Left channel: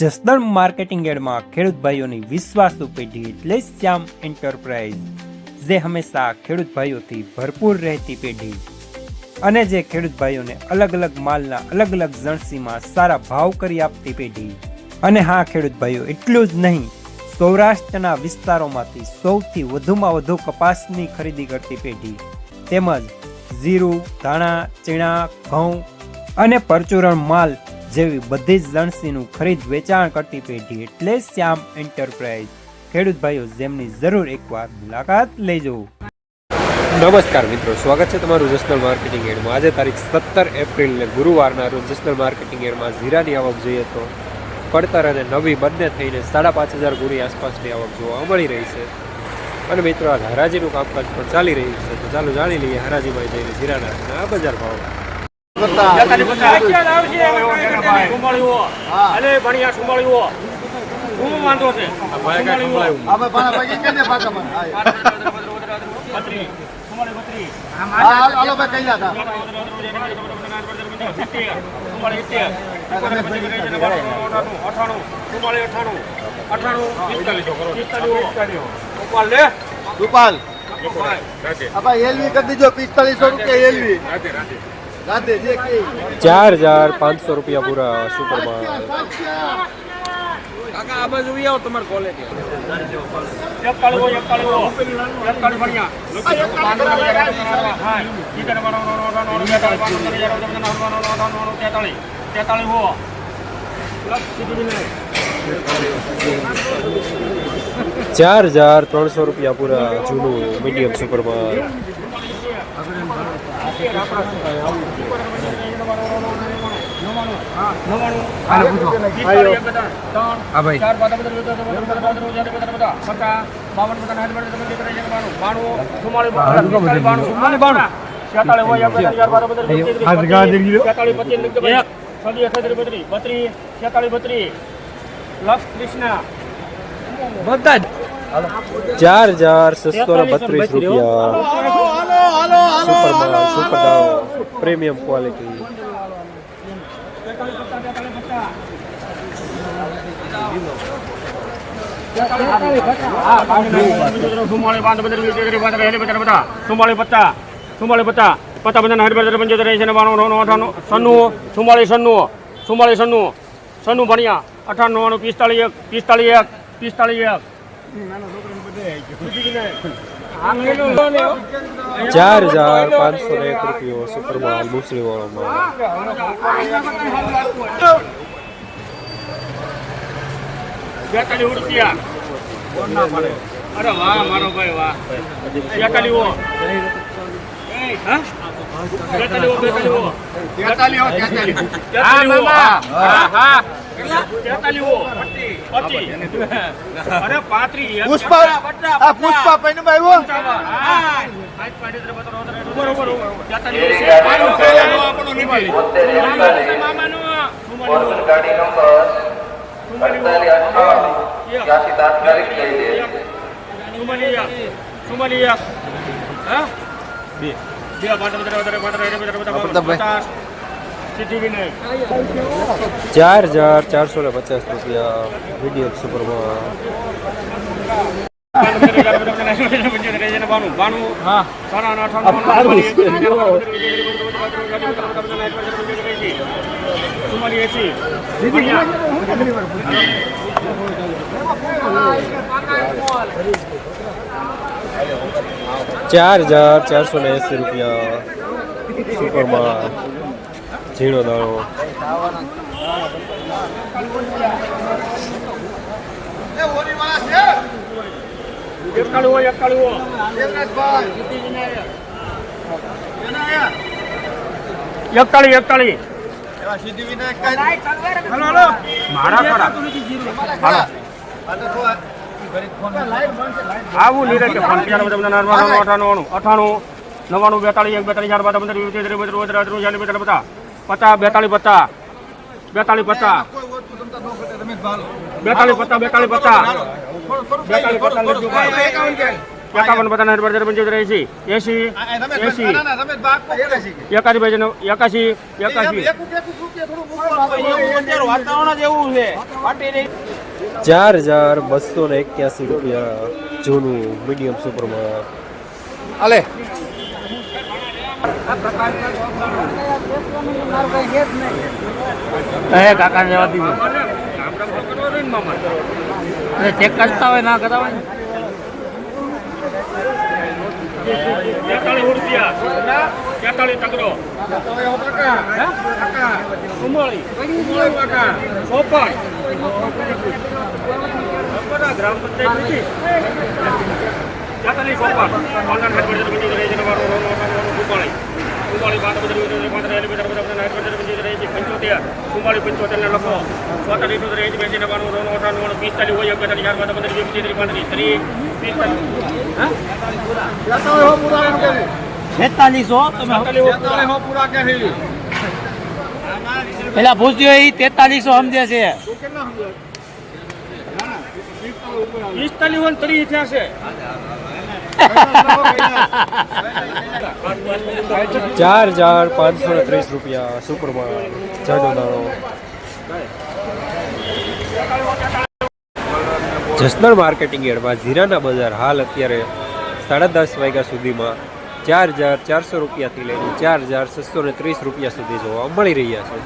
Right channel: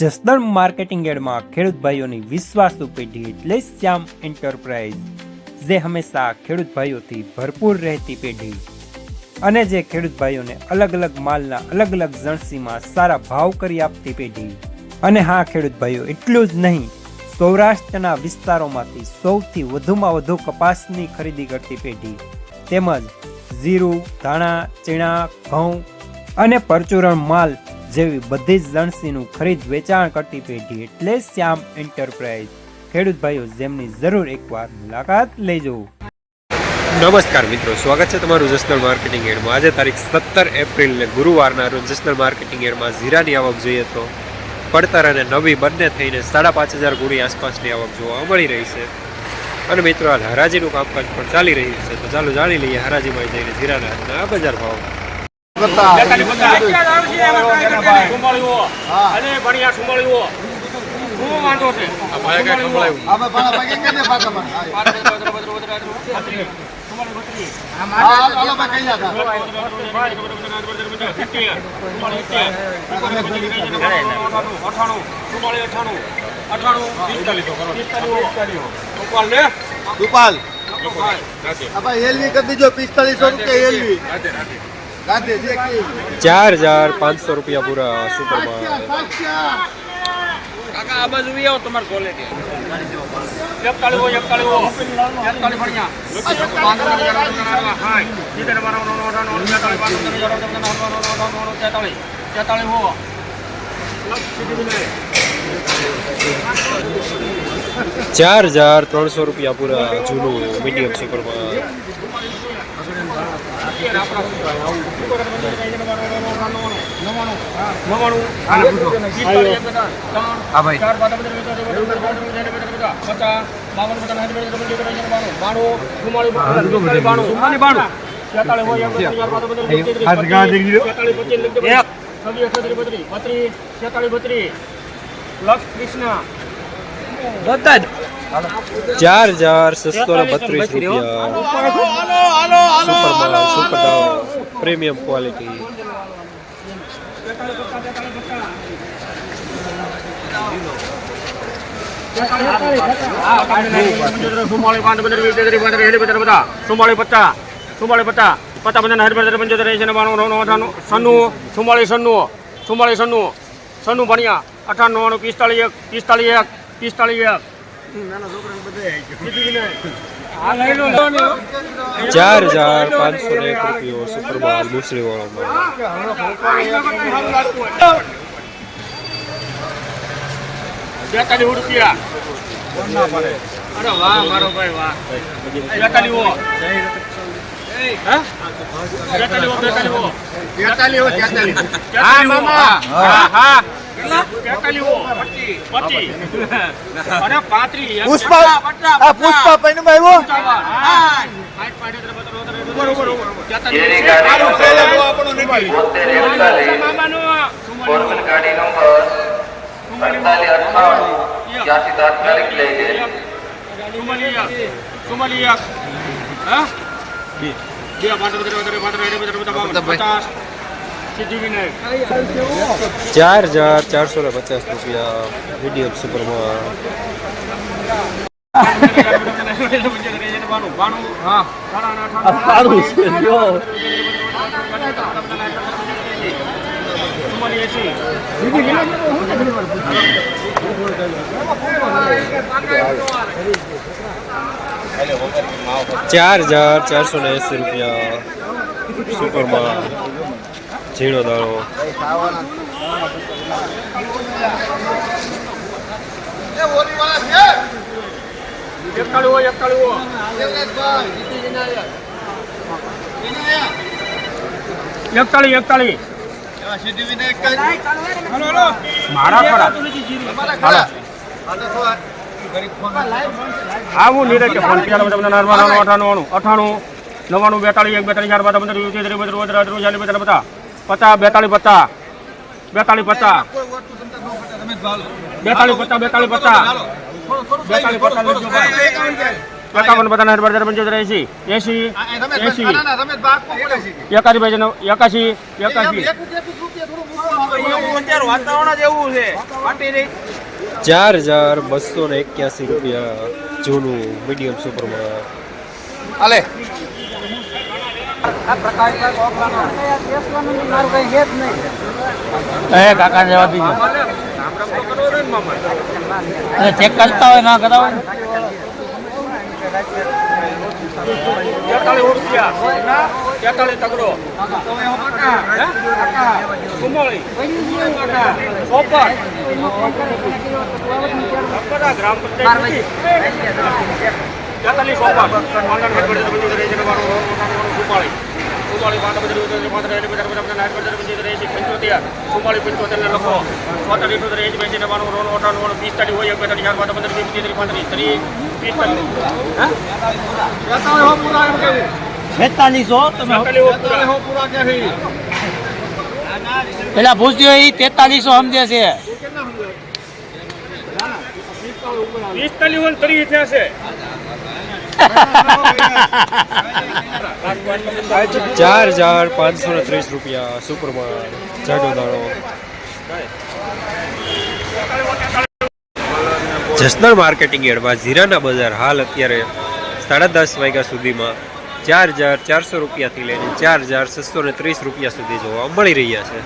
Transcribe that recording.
Jasdan marketing યાર્ડમાં ખેડૂત ભાઈઓની વિશ્વાસુ પેઢી એટલે શ્યામ એન્ટરપ્રાઇઝ, જે હંમેશા ખેડૂત ભાઈઓથી ભરપૂર રહેતી પેઢી અને જે ખેડૂત ભાઈઓને અલગ અલગ માલના અલગ અલગ જણસીમાં સારા ભાવ કરી આપતી પેઢી। અને હા ખેડૂત ભાઈઓ, એટલું જ નહીં, સૌરાષ્ટ્રના વિસ્તારોમાંથી સૌથી વધુમાં વધુ કપાસની ખરીદી કરતી પેઢી તેમજ જીરું, ધાણા, ચીણા, ઘઉં અને પરચુરણ માલ જેવી બધી જ જણસીનું ખરીદ વેચાણ કરતી પેઢી એટલે શ્યામ એન્ટરપ્રાઇઝ। ખેડૂત ભાઈઓ, જેમની જરૂર એકવાર મુલાકાત લેજો। નમસ્કાર મિત્રો, સ્વાગત છે તમારું જસદણ માર્કેટિંગ યાર્ડમાં। આજે તારીખ 17 એપ્રિલને ગુરુવારના રોજ જસદણ માર્કેટિંગ યાર્ડમાં જીરાની આવક જોઈએ તો પડતર અને નવી બંને થઈને 5,500 ગુણી આસપાસની આવક જોવા મળી રહી છે। અને મિત્રો, હાલ હરાજીનું કામકાજ પણ ચાલી રહ્યું છે, તો ચાલો જાણી લઈએ હરાજીમાં જઈને જીરાના આ બજાર ભાવ। ₹4,500 પૂરા સુપર માલ। ₹4,300 પૂરા જૂનું મીડિયમ સુપર માલ। ₹4,632 સુપર માલ, સુપર દાળો, પ્રીમિયમ ક્વોલિટી। સન્નું ભણ્યા 98, 45, 45, ₹4,501 સુપર માલ, મુસળી વાળો માલ। ₹42। અરે વાહ મારો ભાઈ વાહ। ₹4,450 મીડિયમ સુપર માલ। ₹4,480 સુપર માલ, ઝીણો દાણો। ₹42 51 બધાના 75 80 એકાસી ભાઈ 81 ₹4,281 જૂનું મીડિયમ સુપરમાં. અલે કાકા જવા દીધો ચેક કરતા હોય ના કરાવે 43 રૂપિયા 43 તગડો કુમોળી કાકા ઓપન ગ્રામ પંચાયત 43 ઓપન આંગણ હેડ પર બંધી રહી છે કુપાળી કુપાળી બાકા બધી ઉતરે પાત્ર એની બધા બધા નાટ પર બંધી રહી છે 75 કુપાળી 75 ને લખો 46 રહી છે બેસી જવાનું રોડ ઓટો રોડ 45 હોય 45 યાર બાદ બધા 35 પેલા પૂછ્યો એ 4300 સમજે છે 45 તરી થયા છે ₹4,530 સુપરમાં જાડો દાણો. જસદણ માર્કેટિંગ યાર્ડમાં જીરાના બજાર હાલ અત્યારે 10:30 વાગ્યા સુધીમાં ₹4,400 થી લઈને ₹4,630 સુધી જોવા મળી રહ્યા છે.